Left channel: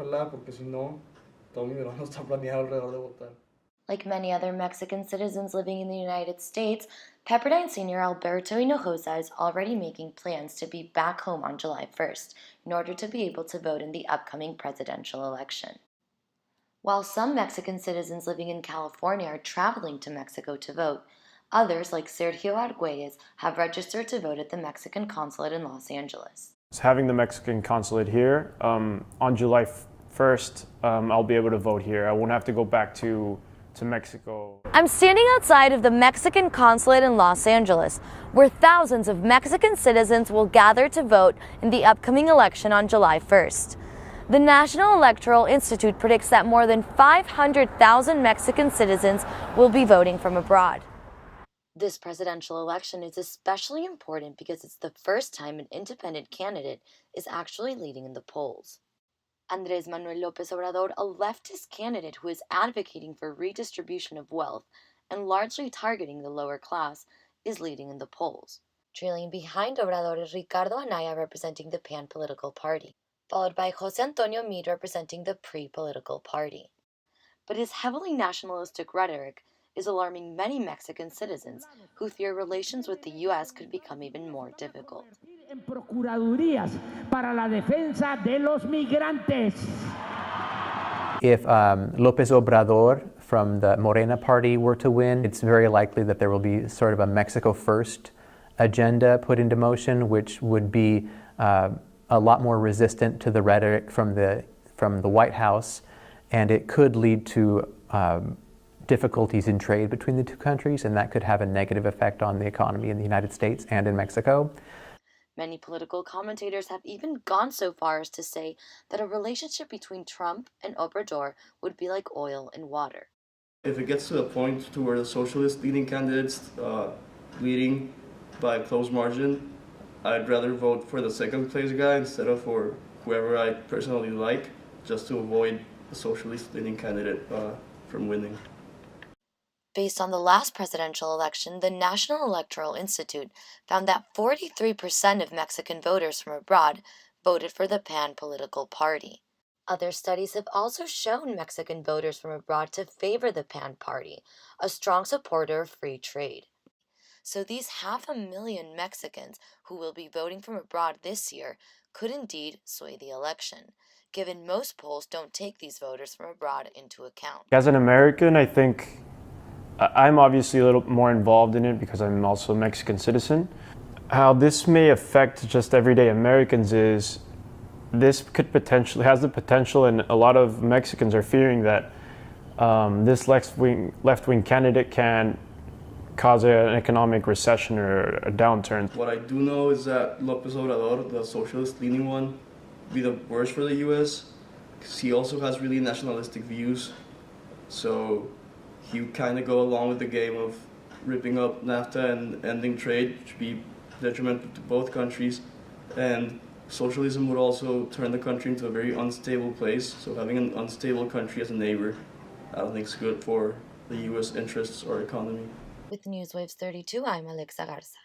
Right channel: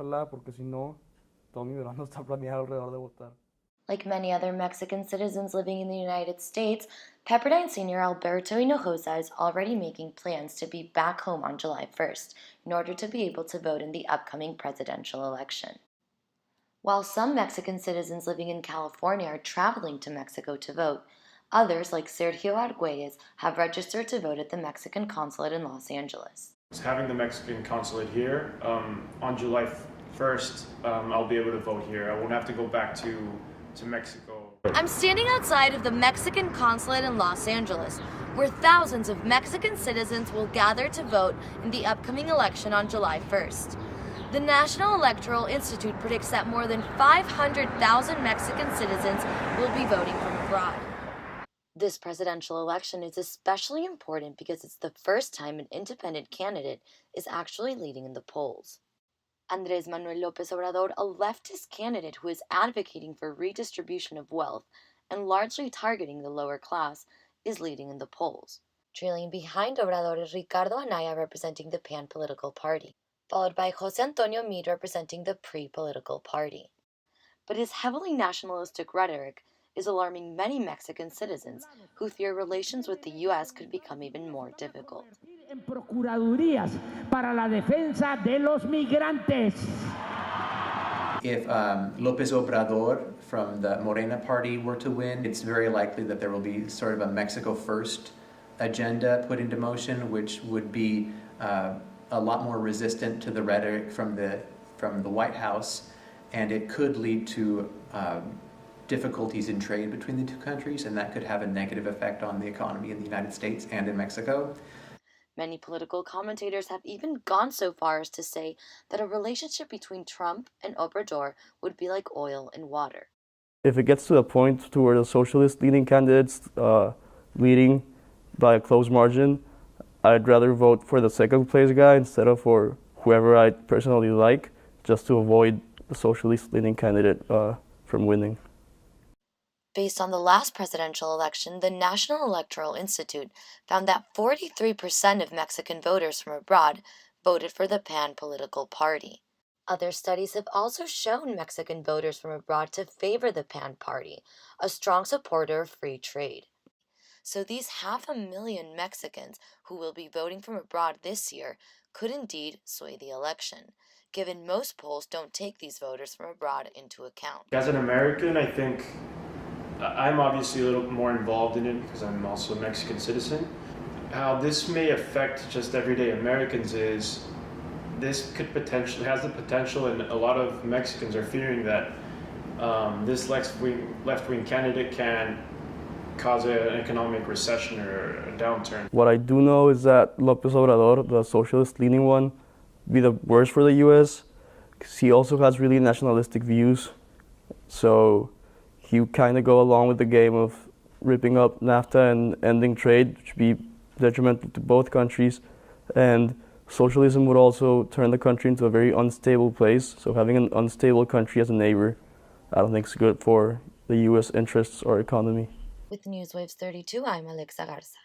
ojalá, porque si no, todo mi verano está planeado alrededor de votar. Like many other Mexican citizens living in the United States, Pepperdine senior Alberto Hinojosa is already making plans to be back home on July 1st in order to be able to vote in the upcoming presidential election. While some Mexican citizens living in California are traveling to Mexico to vote, others, like Sergio Arguelles, have registered to vote at the Mexican consulate in Los Angeles. Having the Mexican consulate here, on July 1st, I'll be able to vote here. I won't have to go back to Mexico. I'm standing outside of the Mexican consulate in Los Angeles, where thousands of Mexican citizens will gather to vote in the upcoming election on July 1st. The National Electoral Institute predicts that more than 500,000 Mexican citizens will be voting from abroad. This presidential election is especially important because it's the first time an independent candidate is actually leading in the polls. Andrés Manuel López Obrador, a leftist candidate who is advocating for redistribution of wealth and largely targeting the lower class, is leading in the polls. Trailing behind Obrador is Ricardo Anaya representing the PAN political party, followed by José Antonio Meade representing the PRI political party. But his heavily nationalistic rhetoric is alarming many Mexican citizens who fear relations with the U.S. could become even more difficult. En procuradurías para la defensa de los migrantes. If López Obrador from the Morena party were to win, it's very likely that there will be sort of a Mexico First agenda put into motion, which would be a lot more resistant to the rhetoric from the White House, and it could lead to difficulties in trade between the two countries, and that could have a negative effect on the economy in the United States and in Mexico. Many political commentators have even gone so far as to say that a relationship between Trump and Obrador would be like oil and water. If it gets to the point to where the socialist leading candidates leading by a close margin, I'd rather vote for the second place guy instead of for whoever I personally like, just to avoid the socialist leading candidate from winning. Based on the last presidential election, the National Electoral Institute found that 43% of Mexican voters from abroad voted for the PAN political party. Other studies have also shown Mexican voters from abroad to favor the PAN party, a strong supporter of free trade. So these 500,000 Mexicans who will be voting from abroad this year could indeed sway the election, given most polls don't take these voters from abroad into account. As an American, I think I'm obviously a little more involved in it because I'm also a Mexican citizen. How this may affect just everyday Americans is this could potentially has the potential, and a lot of Mexicans are fearing that this left-wing candidate can cause an economic recession or a downturn. What I do know is that López Obrador, the socialist-leaning one, would be the worst for the U.S. because he also has really nationalistic views. So he kind of go along with the game of ripping up NAFTA and ending trade, which would be detrimental to both countries. And socialism would also turn the country into a very unstable place. So having an unstable country as a neighbor, I don't think is good for the U.S. interests or economy. With Newswaves 32, I'm Alexa Garza.